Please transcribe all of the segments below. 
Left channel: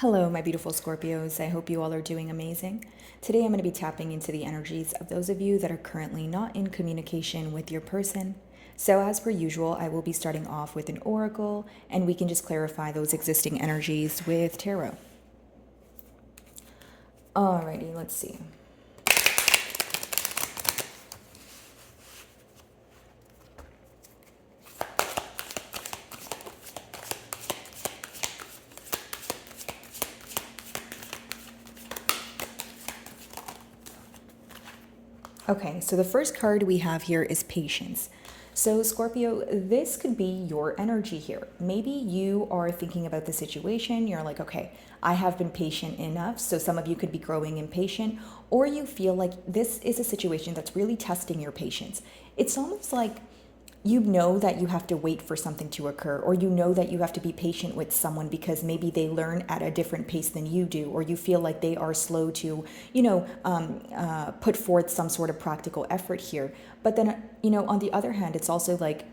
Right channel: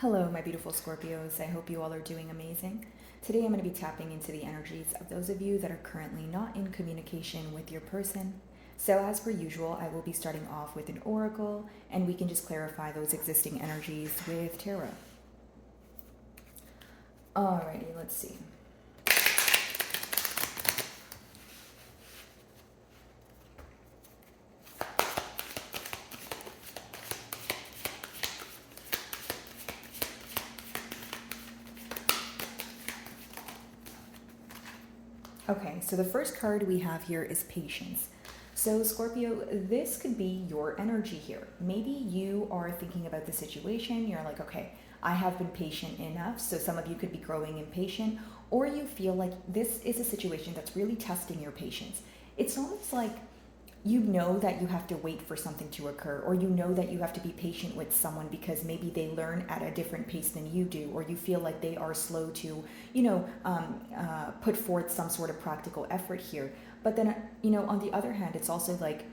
Hello, my beautiful Scorpios. I hope you all are doing amazing. Today, I'm going to be tapping into the energies of those of you that are currently not in communication with your person. So, as per usual, I will be starting off with an oracle, and we can just clarify those existing energies with tarot. Alrighty, let's see. Okay, so the first card we have here is patience. So, Scorpio, this could be your energy here. Maybe you are thinking about the situation, you're like, okay, I have been patient enough. So, some of you could be growing impatient, or you feel like this is a situation that's really testing your patience. It's almost like you know that you have to wait for something to occur, or you know that you have to be patient with someone because maybe they learn at a different pace than you do, or you feel like they are slow to put forth some sort of practical effort here. But then on the other hand, it's also like,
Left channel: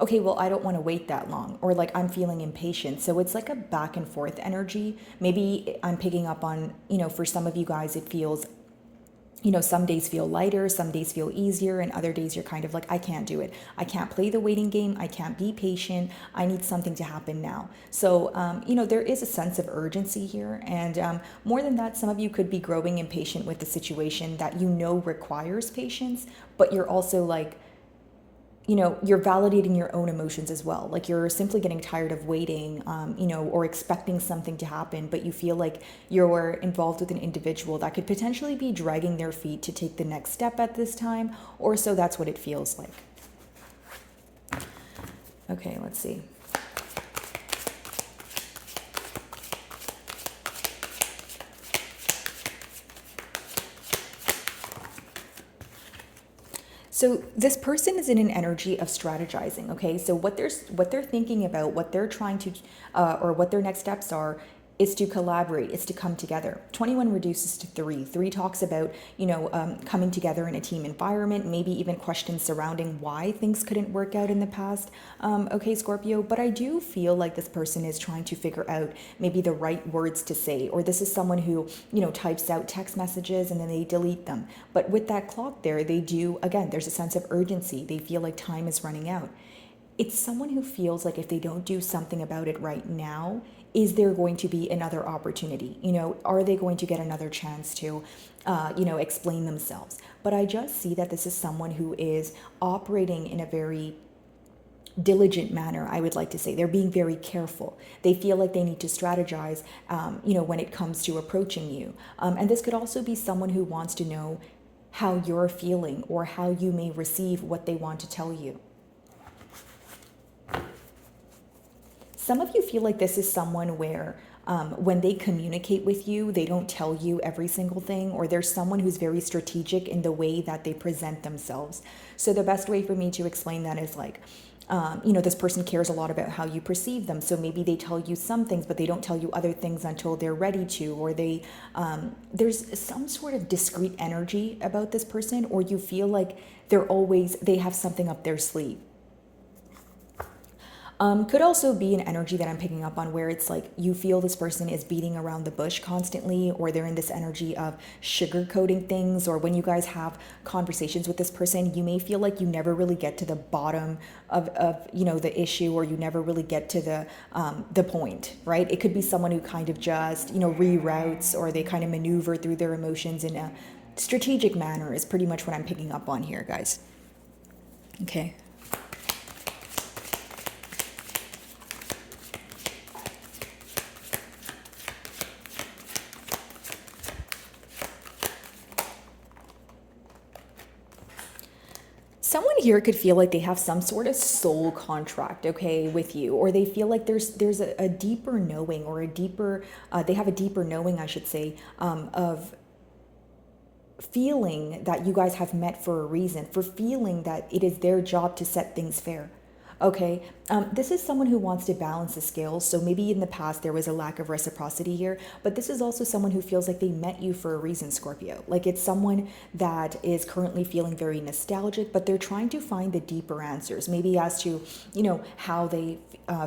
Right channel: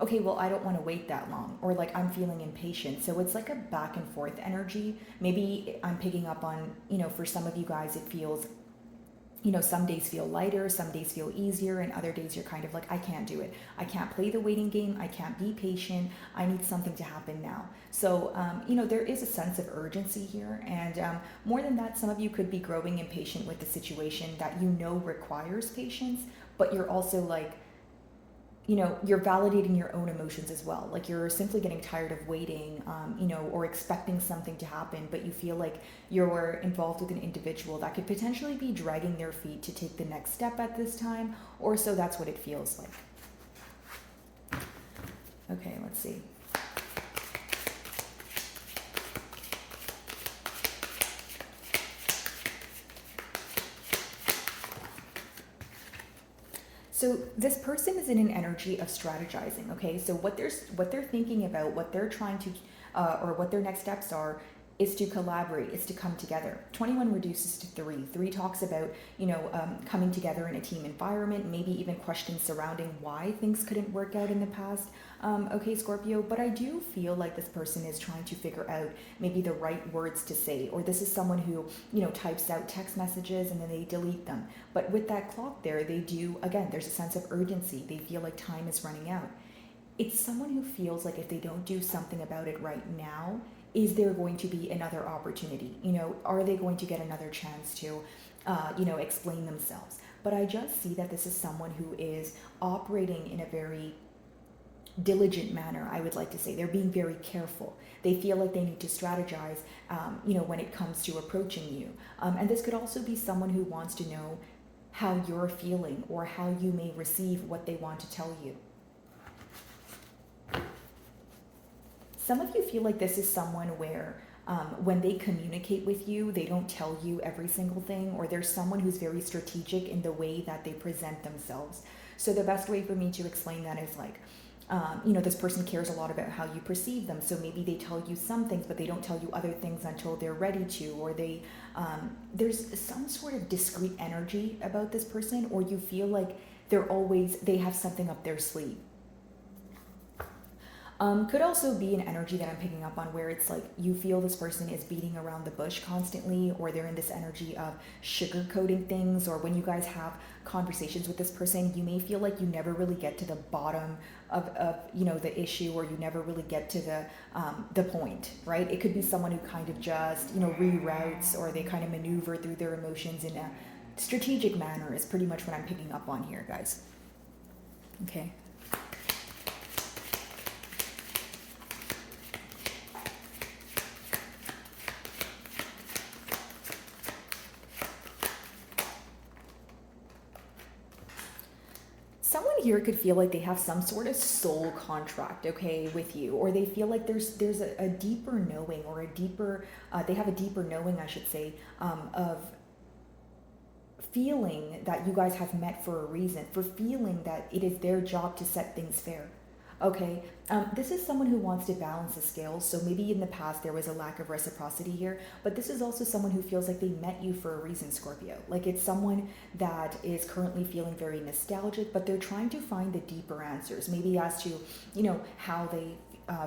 okay, well, I don't want to wait that long, or like I'm feeling impatient. So it's like a back and forth energy. Maybe I'm picking up on, for some of you guys it feels, some days feel lighter, some days feel easier, and other days you're kind of like, I can't do it. I can't play the waiting game. I can't be patient. I need something to happen now. So, there is a sense of urgency here. And more than that, some of you could be growing impatient with the situation that requires patience, but you're also like, you're validating your own emotions as well. Like you're simply getting tired of waiting, or expecting something to happen, but you feel like you're involved with an individual that could potentially be dragging their feet to take the next step at this time, or so that's what it feels like. Okay, let's see. So this person is in an energy of strategizing. Okay, so what they're thinking about, what they're trying to, or what their next steps are, is to collaborate, is to come together. 21 reduces to 3. 3 talks about coming together in a team environment, maybe even questions surrounding why things couldn't work out in the past. Okay, Scorpio, but I do feel like this person is trying to figure out maybe the right words to say, or this is someone who types out text messages and then they delete them. But with that clock there, they do, again, there's a sense of urgency. They feel like time is running out. It's someone who feels like if they don't do something about it right now, is there going to be another opportunity? Are they going to get another chance to, explain themselves? But I just see that this is someone who is operating in a very diligent manner, I would like to say. They're being very careful. They feel like they need to strategize, when it comes to approaching you. And this could also be someone who wants to know how you're feeling or how you may receive what they want to tell you. Some of you feel like this is someone where when they communicate with you, they don't tell you every single thing, or there's someone who's very strategic in the way that they present themselves. So the best way for me to explain that is like, this person cares a lot about how you perceive them. So maybe they tell you some things, but they don't tell you other things until they're ready to, or there's some sort of discreet energy about this person, or you feel like they have something up their sleeve. Could also be an energy that I'm picking up on where it's like you feel this person is beating around the bush constantly, or they're in this energy of sugarcoating things, or when you guys have conversations with this person, you may feel like you never really get to the bottom of the issue, or you never really get to the point, right? It could be someone who kind of just, reroutes, or they kind of maneuver through their emotions in a strategic manner is pretty much what I'm picking up on here, guys. Okay. Someone here could feel like they have some sort of soul contract, okay, with you, or they feel like there's a deeper knowing, or a deeper they have a deeper knowing, I should say, of feeling that you guys have met for a reason, for feeling that it is their job to set things fair. Okay, this is someone who wants to balance the scales. So maybe in the past there was a lack of reciprocity here, but this is also someone who feels like they met you for a reason, Scorpio. Like it's someone that is currently feeling very nostalgic, but they're trying to find the deeper answers, maybe as to, how they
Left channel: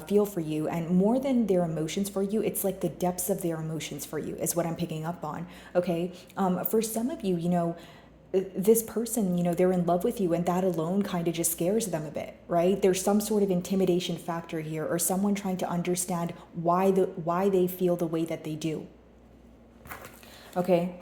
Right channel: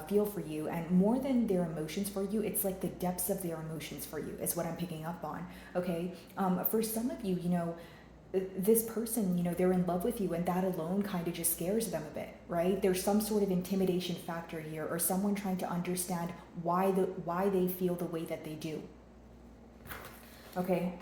feel for you, and more than their emotions for you, it's like the depths of their emotions for you is what I'm picking up on. Okay, for some of you, this person, they're in love with you, and that alone kind of just scares them a bit, right? There's some sort of intimidation factor here, or someone trying to understand why they feel the way that they do. Okay,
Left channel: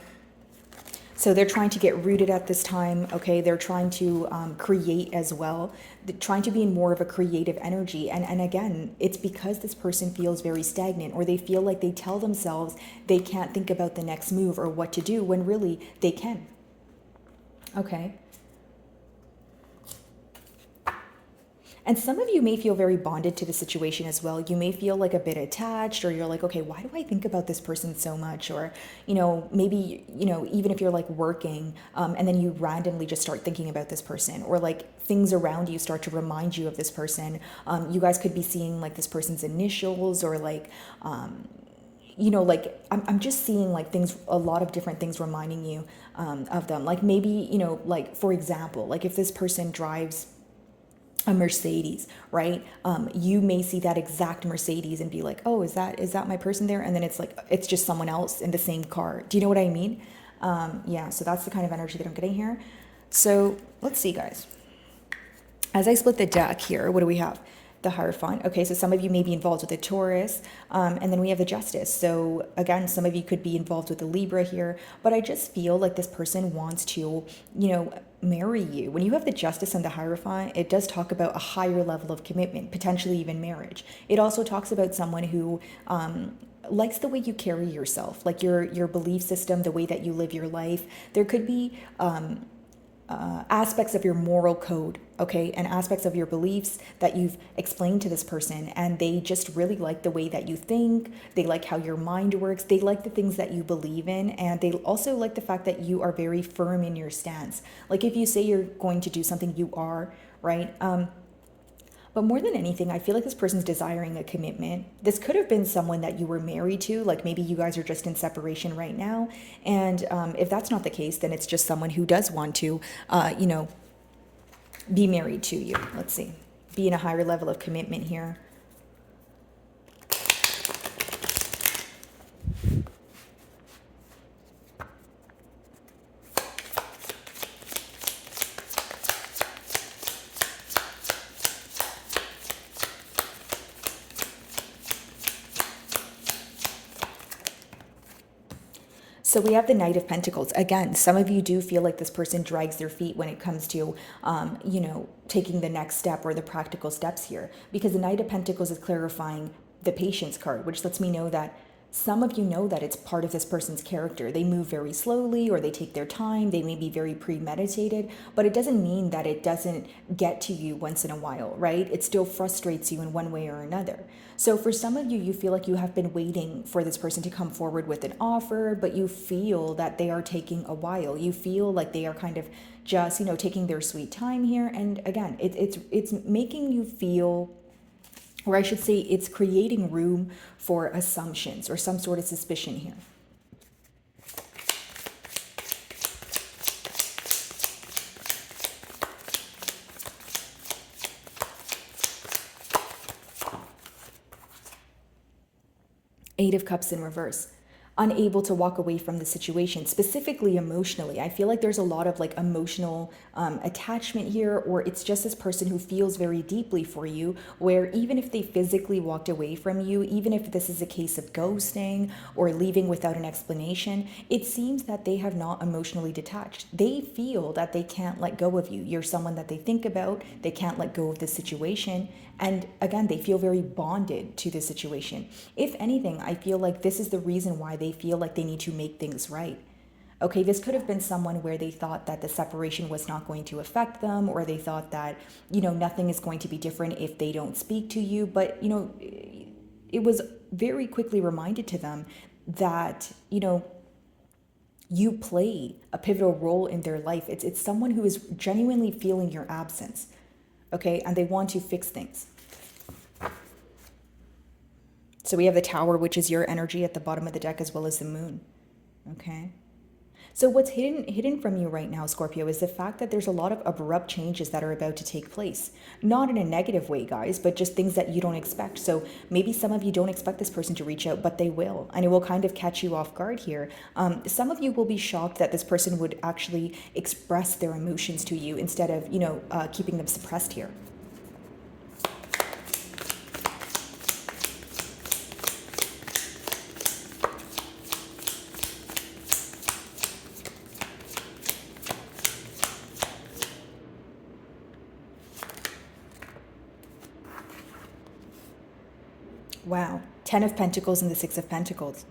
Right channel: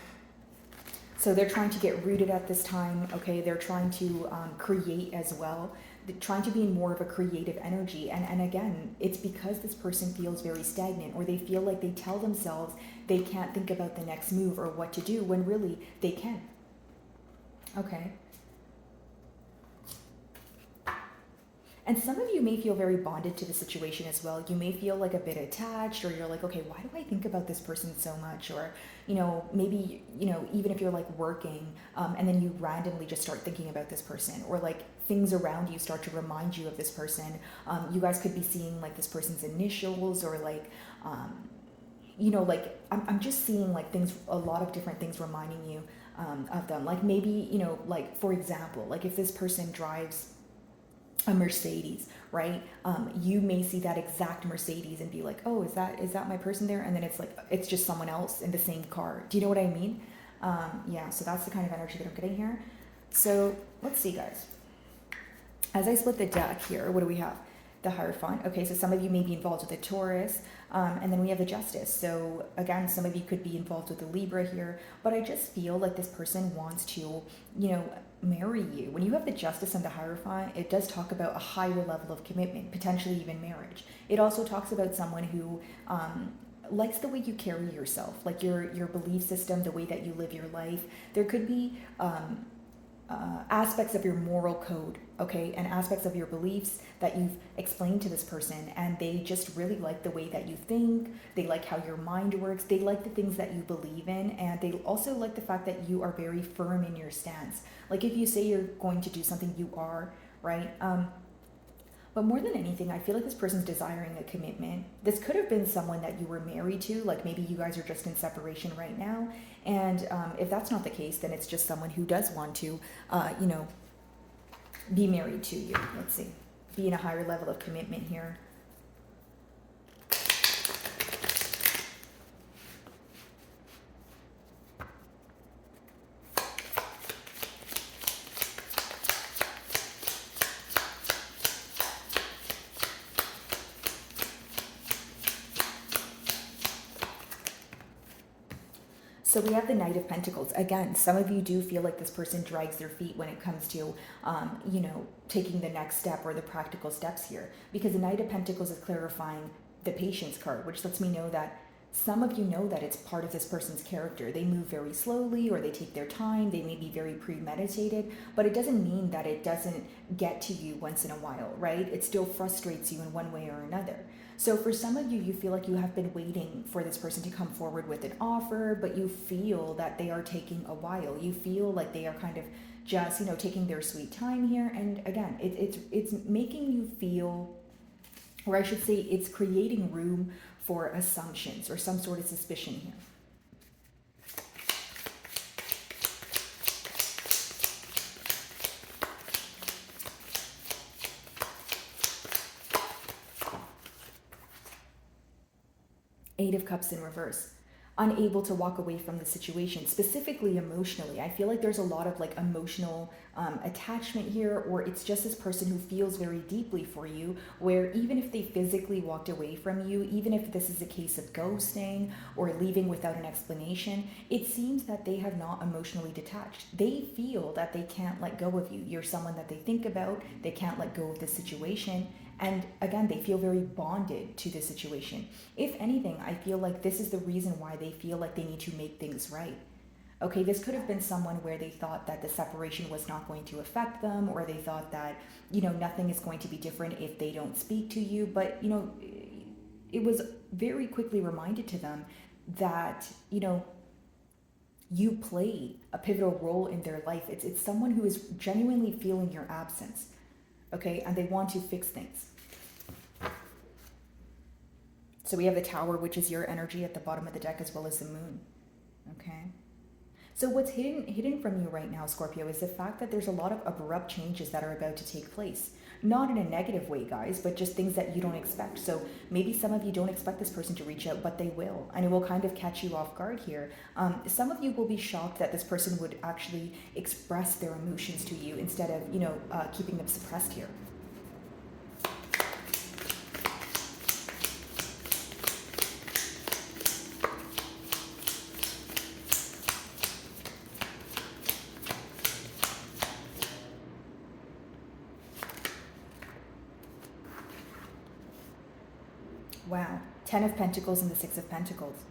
so they're trying to get rooted at this time. Okay, they're trying to create as well. They're trying to be in more of a creative energy, and again, it's because this person feels very stagnant, or they feel like they tell themselves they can't think about the next move or what to do, when really they can. Okay. And some of you may feel very bonded to the situation as well. You may feel like a bit attached, or you're like, okay, why do I think about this person so much? Or, maybe, even if you're like working, and then you randomly just start thinking about this person, or like things around you start to remind you of this person. You guys could be seeing like this person's initials, or like, like I'm just seeing like things, a lot of different things reminding you of them. Like maybe, like for example, like if this person drives a Mercedes, right? You may see that exact Mercedes and be like, oh, is that my person there? And then it's like, it's just someone else in the same car. Do you know what I mean? Yeah, so that's the kind of energy that I'm getting here. So let's see, guys. As I split the deck here, what do we have? The Hierophant. Okay, so some of you may be involved with the Taurus, and then we have the Justice. So again, some of you could be involved with the Libra here, but I just feel like this person wants to, marry you. When you have the Justice and the Hierophant, it does talk about a higher level of commitment, potentially even marriage. It also talks about someone who likes the way you carry yourself, like your belief system, the way that you live your life. There could be aspects of your moral code, okay, and aspects of your beliefs that you've explained to this person, and they just really like the way that you think. They like how your mind works. They like the things that you believe in, and they also like the fact that you are very firm in your stance. Like if you say you're going to do something, you are, right? But more than anything, I feel like this person's desiring a commitment. This could have been someone that you were married to, like maybe you guys are just in separation right now. And if that's not the case, then it's just someone who does want to, be married to you. Let's see. Be in a higher level of commitment here. So we have the Knight of Pentacles. Again, some of you do feel like this person drags their feet when it comes to, taking the next step or the practical steps here. Because the Knight of Pentacles is clarifying the Patience card, which lets me know that some of you know that it's part of this person's character. They move very slowly, or they take their time. They may be very premeditated, but it doesn't mean that it doesn't get to you once in a while, right? It still frustrates you in one way or another. So for some of you, you feel like you have been waiting for this person to come forward with an offer, but you feel that they are taking a while. You feel like they are kind of just, taking their sweet time here. And again, it's making you feel, or I should say, it's creating room for assumptions or some sort of suspicion here. Eight of Cups in reverse. Unable to walk away from the situation, specifically emotionally. I feel like there's a lot of like emotional attachment here, or it's just this person who feels very deeply for you, where even if they physically walked away from you, even if this is a case of ghosting or leaving without an explanation, it seems that they have not emotionally detached. They feel that they can't let go of you. You're someone that they think about. They can't let go of the situation. And again, they feel very bonded to the situation. If anything, I feel like this is the reason why they feel like they need to make things right. Okay, this could have been someone where they thought that the separation was not going to affect them, or they thought that, nothing is going to be different if they don't speak to you. But, it was very quickly reminded to them that, you play a pivotal role in their life. It's someone who is genuinely feeling your absence. Okay, and they want to fix things. So we have the Tower, which is your energy at the bottom of the deck, as well as the Moon. Okay, So what's hidden from you right now, Scorpio, is the fact that there's a lot of abrupt changes that are about to take place. Not in a negative way, guys, but just things that you don't expect. So maybe some of you don't expect this person to reach out, but they will, and it will kind of catch you off guard here. Some of you will be shocked that this person would actually express their emotions to you instead of, keeping them suppressed here. Wow, 10 of Pentacles and the 6 of Pentacles.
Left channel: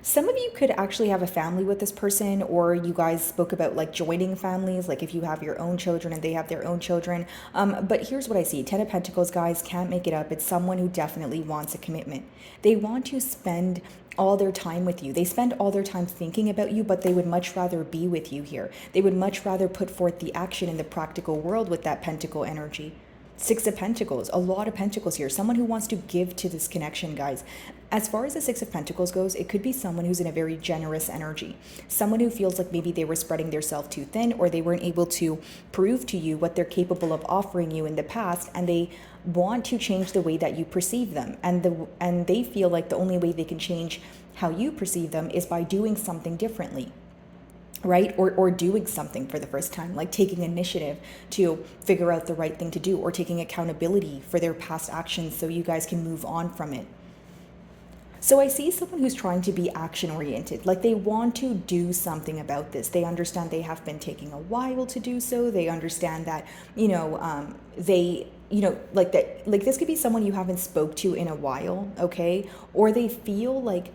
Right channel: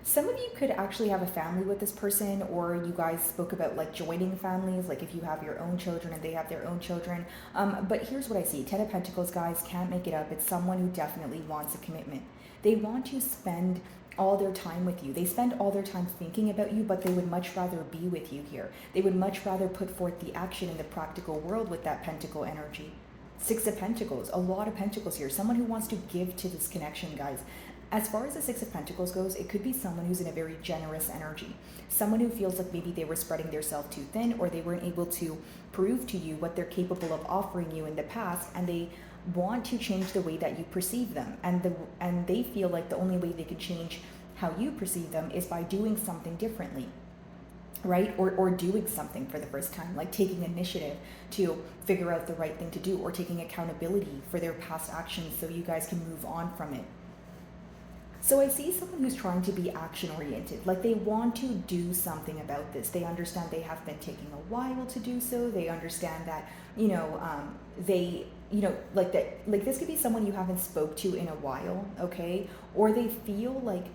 Some of you could actually have a family with this person, or you guys spoke about like joining families, like if you have your own children and they have their own children. But here's what I see. 10 of Pentacles, guys, can't make it up. It's someone who definitely wants a commitment. They want to spend all their time with you. They spend all their time thinking about you, but they would much rather be with you here. They would much rather put forth the action in the practical world with that Pentacle energy. 6 of Pentacles, a lot of Pentacles here. Someone who wants to give to this connection, guys. As far as the 6 of Pentacles goes, it could be someone who's in a very generous energy. Someone who feels like maybe they were spreading themselves too thin, or they weren't able to prove to you what they're capable of offering you in the past, and they want to change the way that you perceive them. And they feel like the only way they can change how you perceive them is by doing something differently. Right? Or doing something for the first time, like taking initiative to figure out the right thing to do, or taking accountability for their past actions so you guys can move on from it. So I see someone who's trying to be action oriented, like they want to do something about this. They understand they have been taking a while to do so. They understand that, like that, like this could be someone you haven't spoke to in a while, okay? Or they feel like,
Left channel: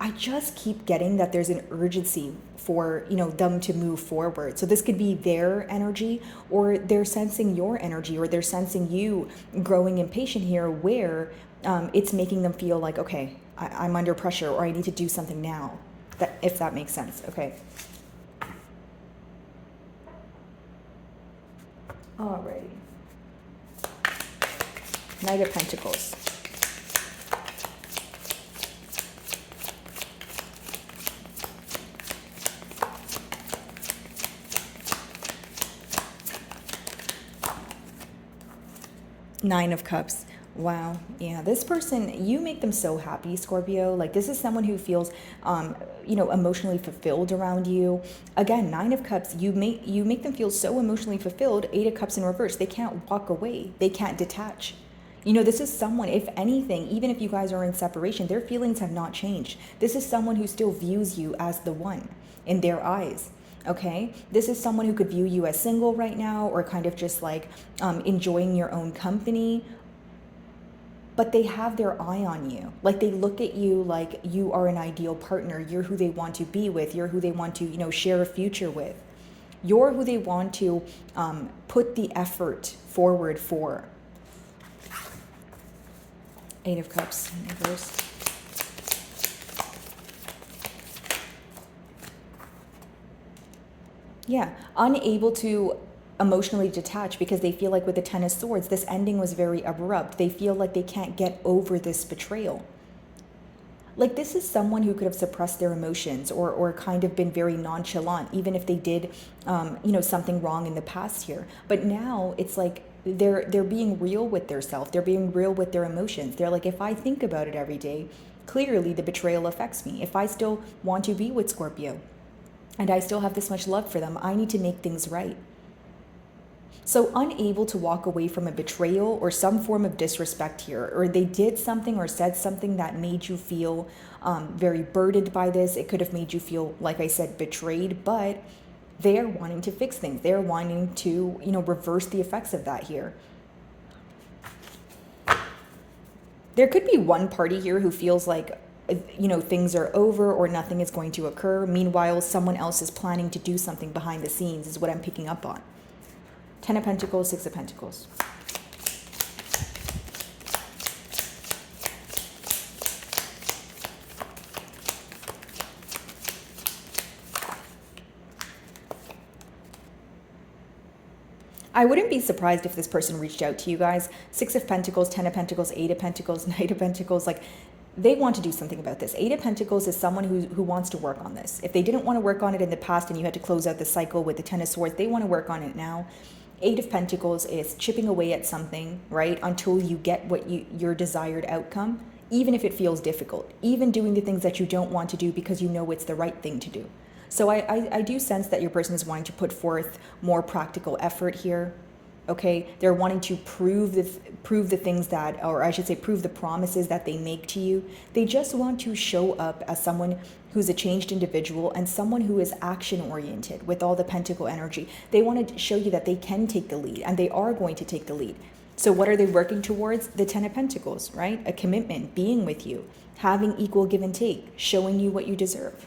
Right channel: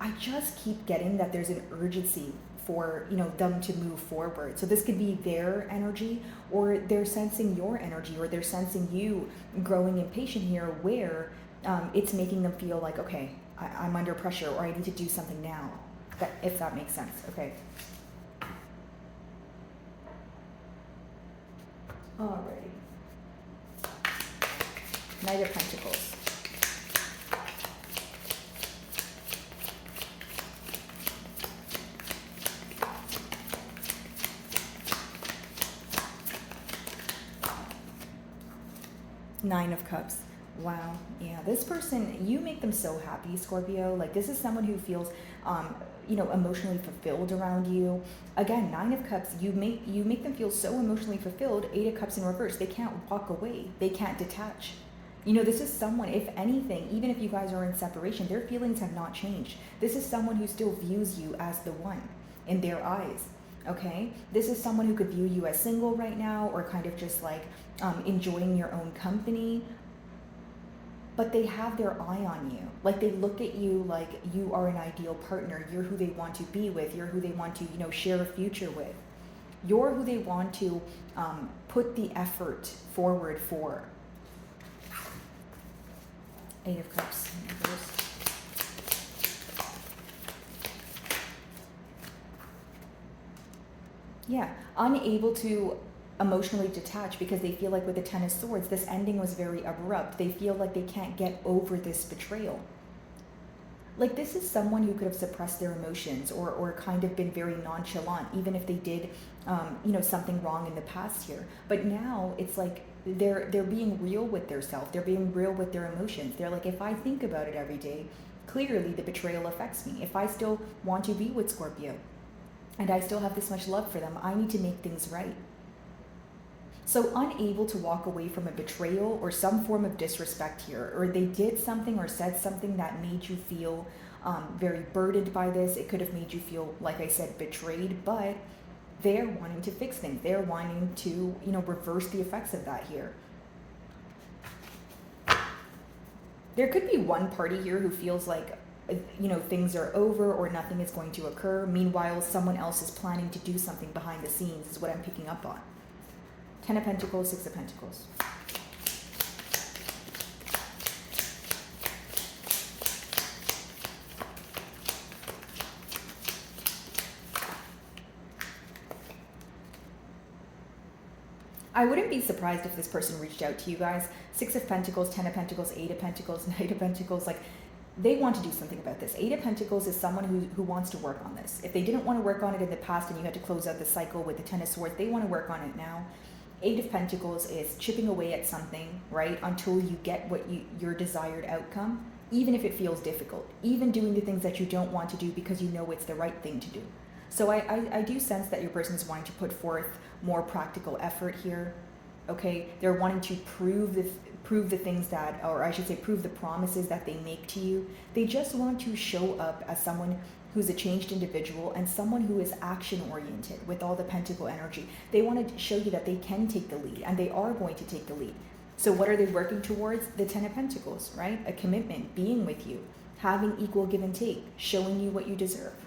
I just keep getting that there's an urgency for, them to move forward. So this could be their energy, or they're sensing your energy, or they're sensing you growing impatient here, where it's making them feel like, okay, I'm under pressure, or I need to do something now, if that makes sense. Okay. Alrighty. Knight of Pentacles. Nine of Cups. Wow. Yeah, this person, you make them so happy, Scorpio. Like this is someone who feels emotionally fulfilled around you. Again, 9 of Cups, you make them feel so emotionally fulfilled. 8 of Cups in reverse. They can't walk away. They can't detach. This is someone, if anything, even if you guys are in separation, their feelings have not changed. This is someone who still views you as the one in their eyes. Okay, this is someone who could view you as single right now, or kind of just like enjoying your own company, but they have their eye on you. Like they look at you like you are an ideal partner. You're who they want to be with. You're who they want to, share a future with. You're who they want to put the effort forward for. 8 of Cups in reverse. Yeah, unable to emotionally detach because they feel like with the 10 of Swords, this ending was very abrupt. They feel like they can't get over this betrayal. Like this is someone who could have suppressed their emotions, or kind of been very nonchalant, even if they did, something wrong in the past here. But now it's like they're being real with their self. They're being real with their emotions. They're like, if I think about it every day, clearly the betrayal affects me. If I still want to be with Scorpio, and I still have this much love for them, I need to make things right. So unable to walk away from a betrayal or some form of disrespect here, or they did something or said something that made you feel very burdened by this. It could have made you feel, like I said, betrayed, but they're wanting to fix things. They're wanting to, reverse the effects of that here. There could be one party here who feels like, things are over or nothing is going to occur. Meanwhile, someone else is planning to do something behind the scenes, is what I'm picking up on. 10 of Pentacles, 6 of Pentacles. I wouldn't be surprised if this person reached out to you guys. 6 of Pentacles, 10 of Pentacles, 8 of Pentacles, Knight of Pentacles. Like, they want to do something about this. Eight of Pentacles is someone who wants to work on this. If they didn't want to work on it in the past and you had to close out the cycle with the Ten of Swords, they want to work on it now. Eight of Pentacles is chipping away at something, right? Until you get what your desired outcome, even if it feels difficult, even doing the things that you don't want to do because you know it's the right thing to do. So I do sense that your person is wanting to put forth more practical effort here. Okay, they're wanting to prove the things that, or I should say, prove the promises that they make to you. They just want to show up as someone who's a changed individual and someone who is action oriented with all the Pentacle energy. They want to show you that they can take the lead, and they are going to take the lead. So what are they working towards? The Ten of Pentacles, right? A commitment, being with you, having equal give and take, showing you what you deserve.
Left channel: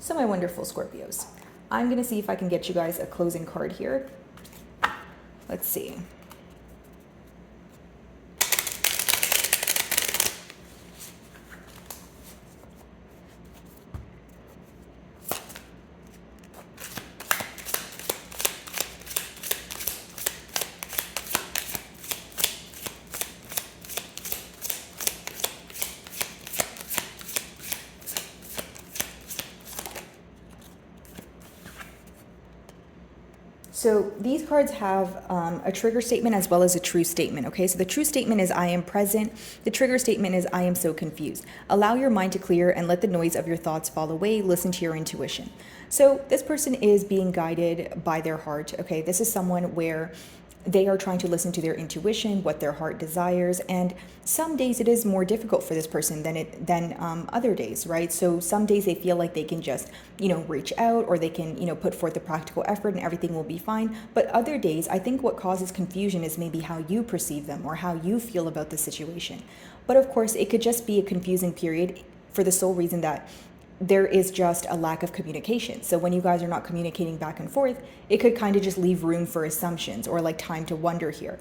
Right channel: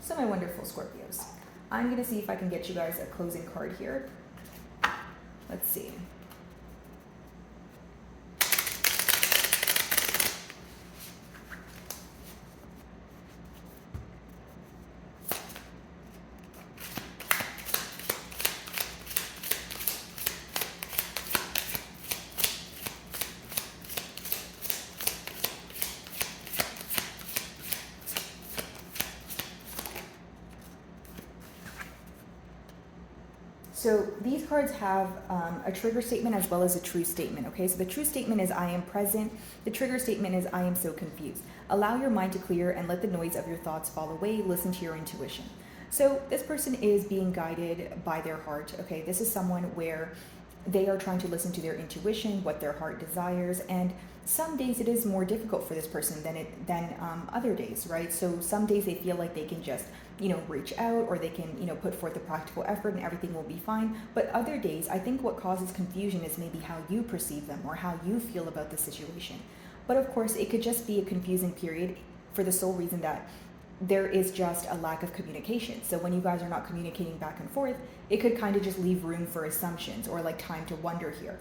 So my wonderful Scorpios, I'm going to see if I can get you guys a closing card here. Let's see. So these cards have a trigger statement as well as a true statement, okay? So the true statement is I am present. The trigger statement is I am so confused. Allow your mind to clear and let the noise of your thoughts fall away. Listen to your intuition. So this person is being guided by their heart, okay? This is someone where they are trying to listen to their intuition, what their heart desires, and some days it is more difficult for this person than other days, right? So some days they feel like they can just, reach out, or they can, put forth the practical effort and everything will be fine. But other days, I think what causes confusion is maybe how you perceive them or how you feel about the situation. But of course, it could just be a confusing period for the sole reason that there is just a lack of communication. So when you guys are not communicating back and forth, it could kind of just leave room for assumptions or like time to wonder here.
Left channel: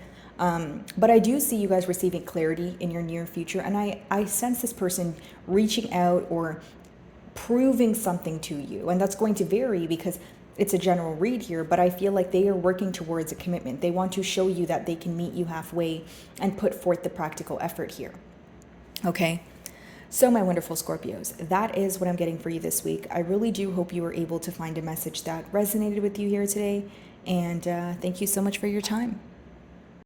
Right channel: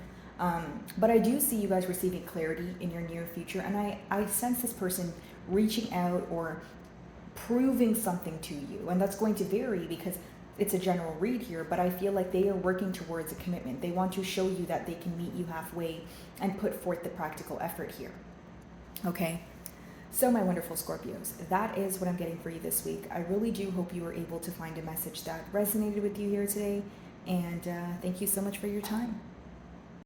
But I do see you guys receiving clarity in your near future. And I sense this person reaching out or proving something to you. And that's going to vary because it's a general read here, but I feel like they are working towards a commitment. They want to show you that they can meet you halfway and put forth the practical effort here. Okay. So my wonderful Scorpios, that is what I'm getting for you this week. I really do hope you were able to find a message that resonated with you here today. And thank you so much for your time.